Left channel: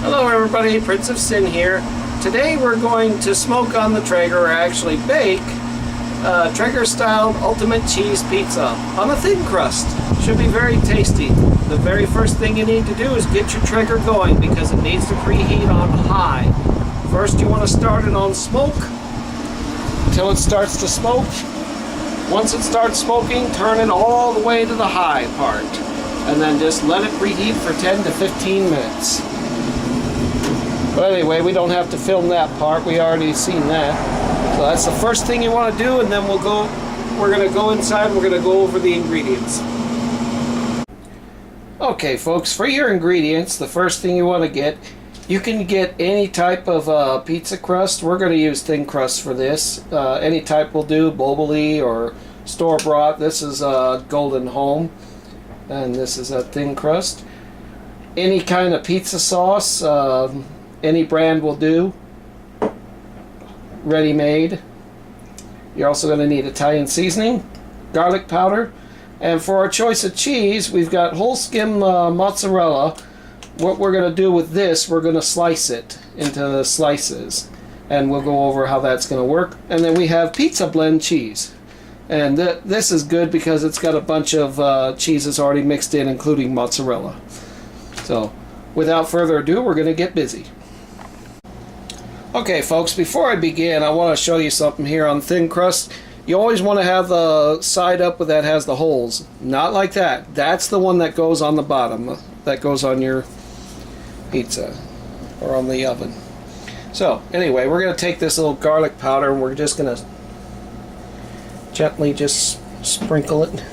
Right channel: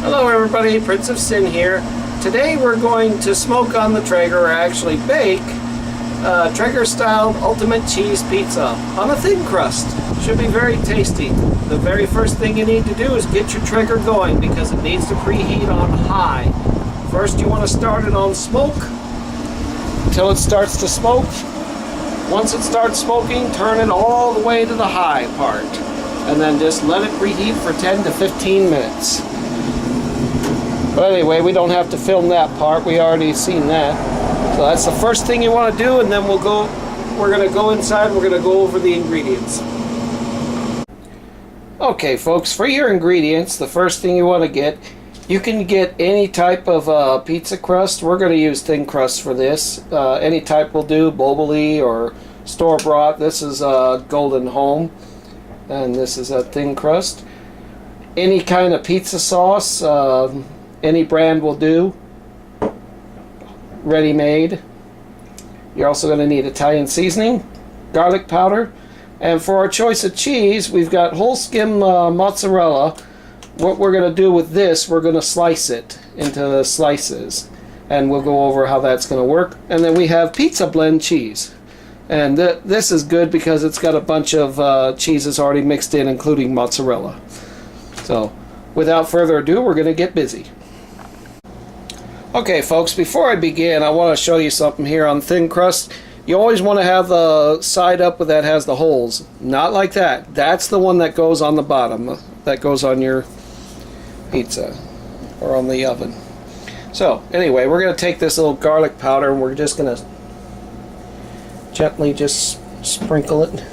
Hello everybody, Prince of Sin here. Today we're going to smoke on the Traeger, or actually bake, Traeger style ultimate cheese pizza on a thin crust. Should be very tasty. The very first thing you need to do is get your Traeger going because it needs to preheat on high. First you want to start it on smoke until it starts to smoke. Once it starts smoking, turn it all the way to the high part and then just let it preheat for 10 to 15 minutes. But anyway, we don't have to film that part. We already seen that. So that's the first thing you want to do, and then we're going to go inside, we're going to go over the ingredients. Okay folks, for your ingredients, the first thing you want to get, you can get any type of pizza crust. We're going to use thin crust for this. Any type will do, Boboli or store-bought. This is Golden Home, and this is a thin crust. Any kind of pizza sauce, any brand will do, ready-made. You're also going to need Italian seasoning, garlic powder, and for our choice of cheese, we've got whole skim mozzarella. What we're going to do with this, we're going to slice it into the slices, and we'll go over how that's going to work. And then we have pizza blend cheese, and this is good because it's got a bunch of cheeses already mixed in, including mozzarella. So without further ado, we're going to get busy. Okay folks, before I begin, I want to show you something here on thin crust. You always want to have the side up that has the holes. Not like that. That's the one that goes on the bottom. That goes on your pizza or on the oven. So anyway, we're going to take this little garlic powder and we're just going to gently just sprinkle it.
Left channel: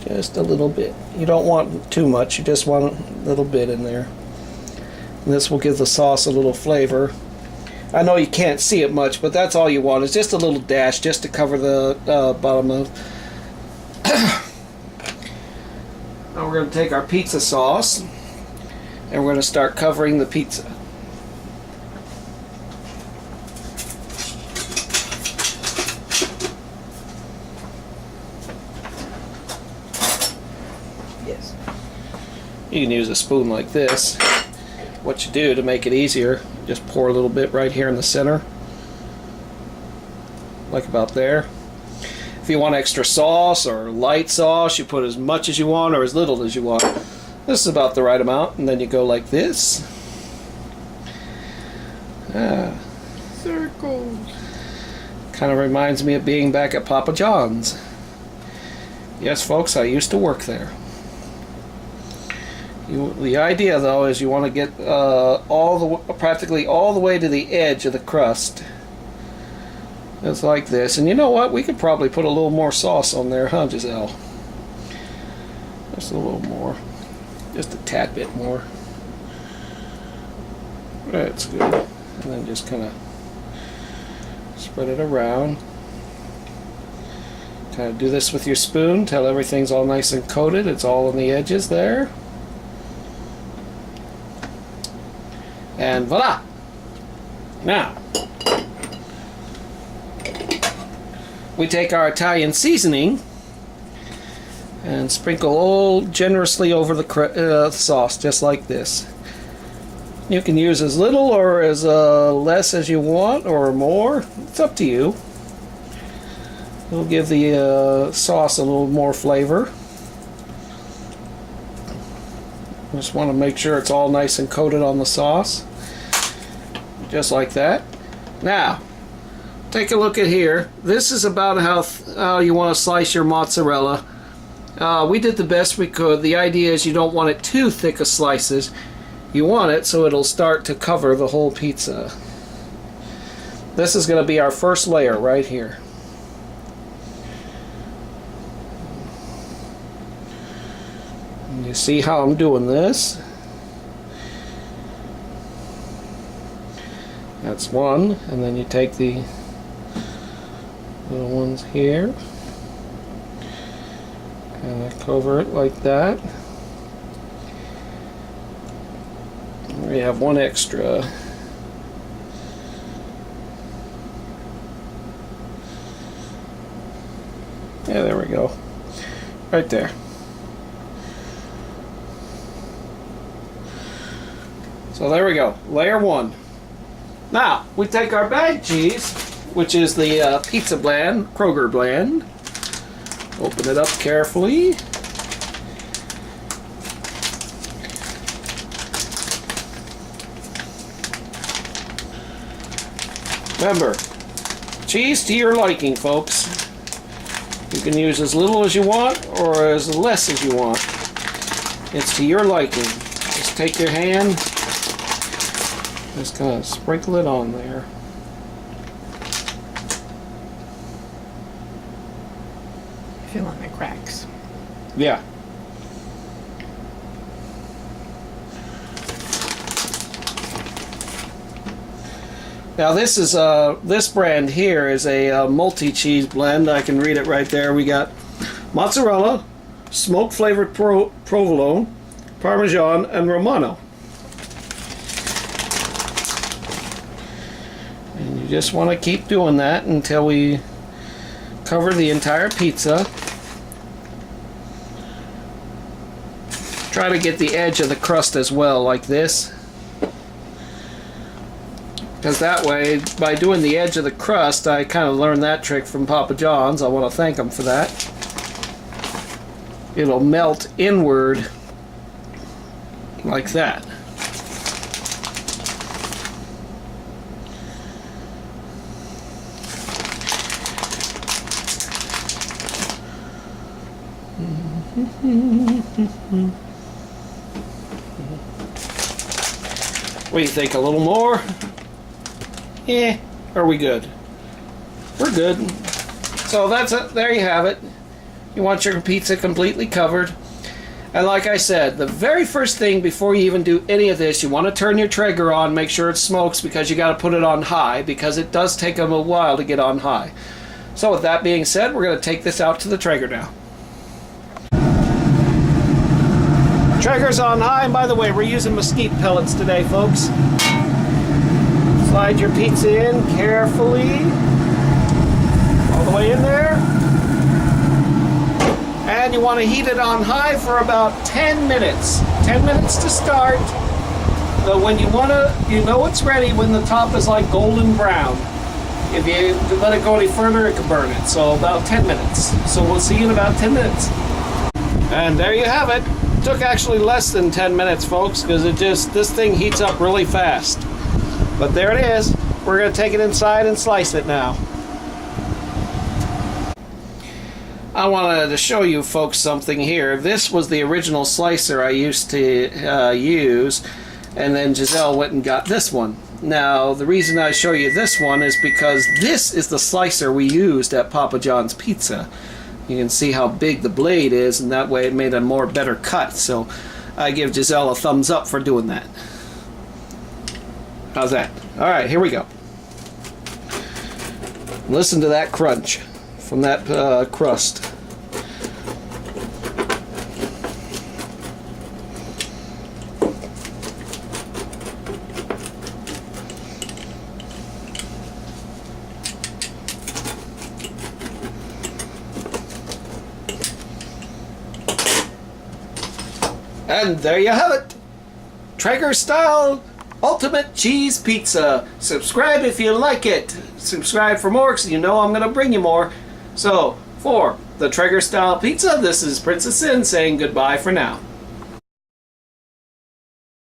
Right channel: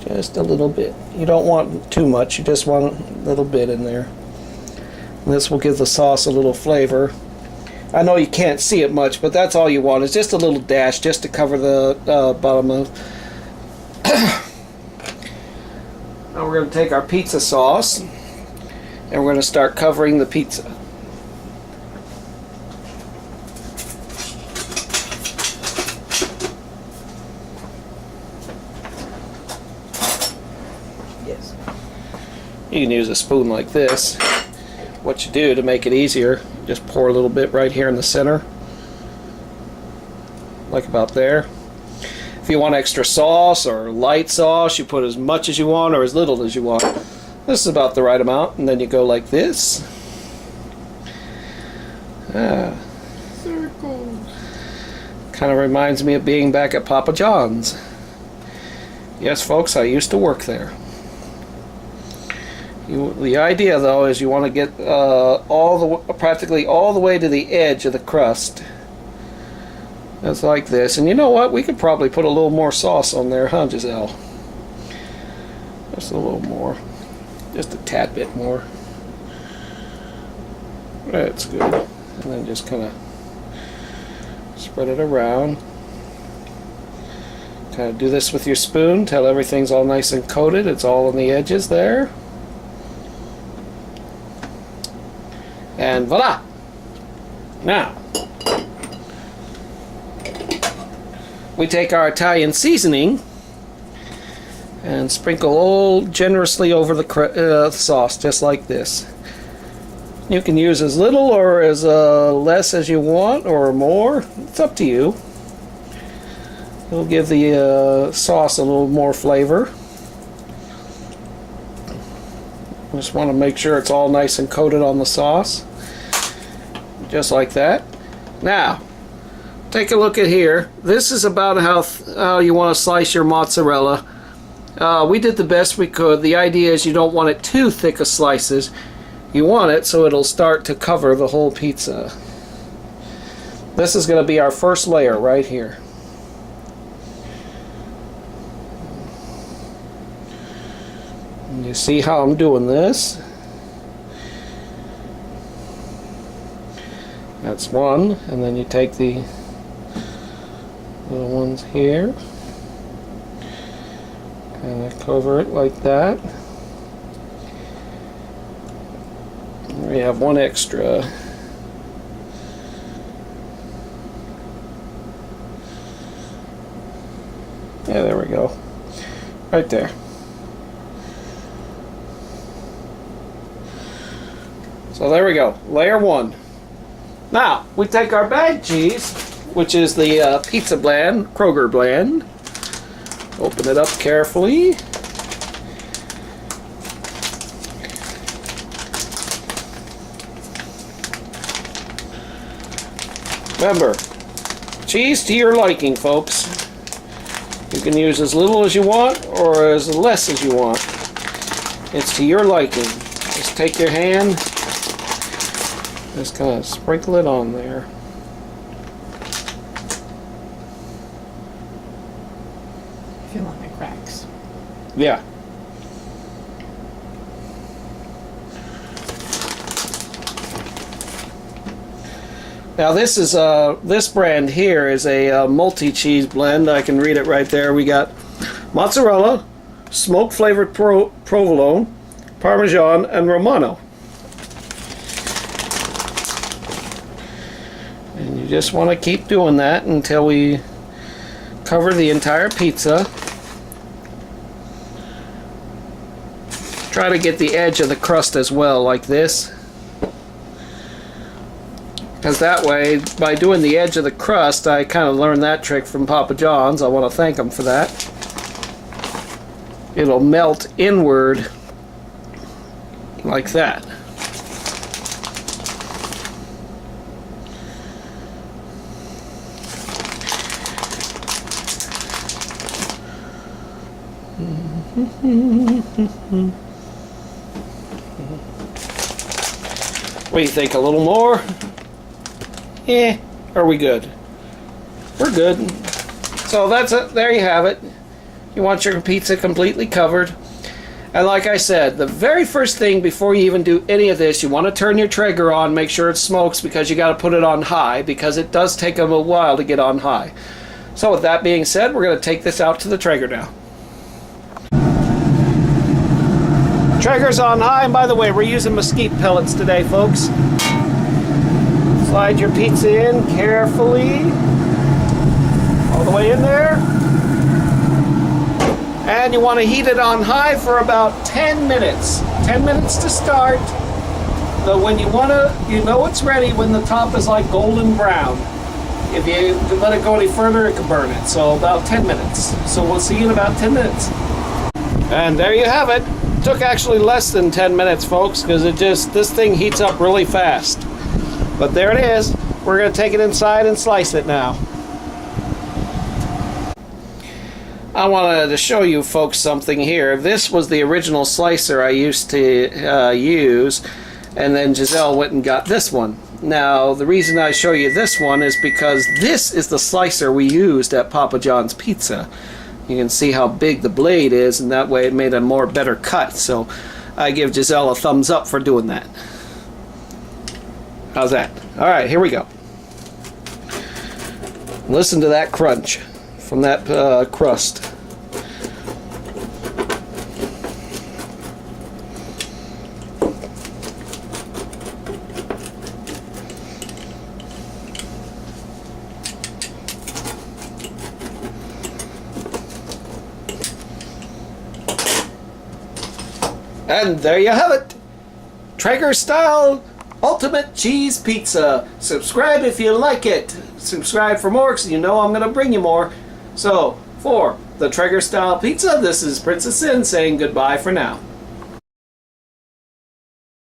Just a little bit. You don't want too much. You just want a little bit in there. This will give the sauce a little flavor. I know you can't see it much, but that's all you want. It's just a little dash just to cover the bottom of. Now we're going to take our pizza sauce and we're going to start covering the pizza. Yes. You can use a spoon like this. What you do to make it easier, just pour a little bit right here in the center, like about there. If you want extra sauce or light sauce, you put as much as you want or as little as you want. This is about the right amount, and then you go like this. Circles. Kind of reminds me of being back at Papa John's. Yes folks, I used to work there. The idea though is you want to get practically all the way to the edge of the crust. It's like this, and you know what? We could probably put a little more sauce on there, huh, Giselle? Just a little more, just a tad bit more. That's good. And then just kind of spread it around. Kind of do this with your spoon till everything's all nice and coated. It's all on the edges there. And voila! Now, we take our Italian seasoning and sprinkle all generously over the sauce, just like this. You can use as little or as less as you want, or more. It's up to you. It'll give the sauce a little more flavor. Just want to make sure it's all nice and coated on the sauce. Just like that. Now, take a look at here. This is about how you want to slice your mozzarella. We did the best we could. The idea is you don't want it too thick of slices. You want it so it'll start to cover the whole pizza. This is going to be our first layer right here. You see how I'm doing this? That's one, and then you take the little ones here and cover it like that. We have one extra. Yeah, there we go. Right there. So there we go, layer one. Now, we take our bag cheese, which is the pizza blend, Kroger blend. Open it up carefully. Remember, cheese to your liking, folks. You can use as little as you want or as less as you want. It's to your liking. Just take your hand, just kind of sprinkle it on there. Feeling the cracks. Yeah. Now this is this brand here is a multi-cheese blend. I can read it right there. We got mozzarella, smoke flavored provolone, Parmesan, and Romano. And you just want to keep doing that until we cover the entire pizza. Try to get the edge of the crust as well, like this. Because that way, by doing the edge of the crust, I kind of learned that trick from Papa John's. I want to thank them for that. It'll melt inward like that. What do you think? A little more? Yeah, are we good? We're good. So that's it. There you have it. You want your pizza completely covered. And like I said, the very first thing before you even do any of this, you want to turn your Traeger on, make sure it smokes, because you got to put it on high, because it does take them a while to get on high. So with that being said, we're going to take this out to the Traeger now. Traeger's on high, and by the way, we're using mesquite pellets today, folks. Slide your pizza in carefully, all the way in there. And you want to heat it on high for about 10 minutes. 10 minutes to start. But when you want to, you know it's ready when the top is like golden brown. If you let it go any further, it can burn it. So about 10 minutes. So we'll see you in about 10 minutes. And there you have it. Took actually less than 10 minutes, folks, because this thing heats up really fast. But there it is. We're going to take it inside and slice it now. I wanted to show you folks something here. This was the original slicer I used to use, and then Giselle went and got this one. Now, the reason I show you this one is because this is the slicer we used at Papa John's Pizza. You can see how big the blade is, and that way it made a better cut. So I give Giselle a thumbs up for doing that. How's that? Alright, here we go. Listen to that crunch from that crust. And there you have it. Traeger style ultimate cheese pizza. Subscribe if you like it. Subscribe for more, because you know I'm going to bring you more. So, for the Traeger style pizza, this is Princess Sin saying goodbye for now.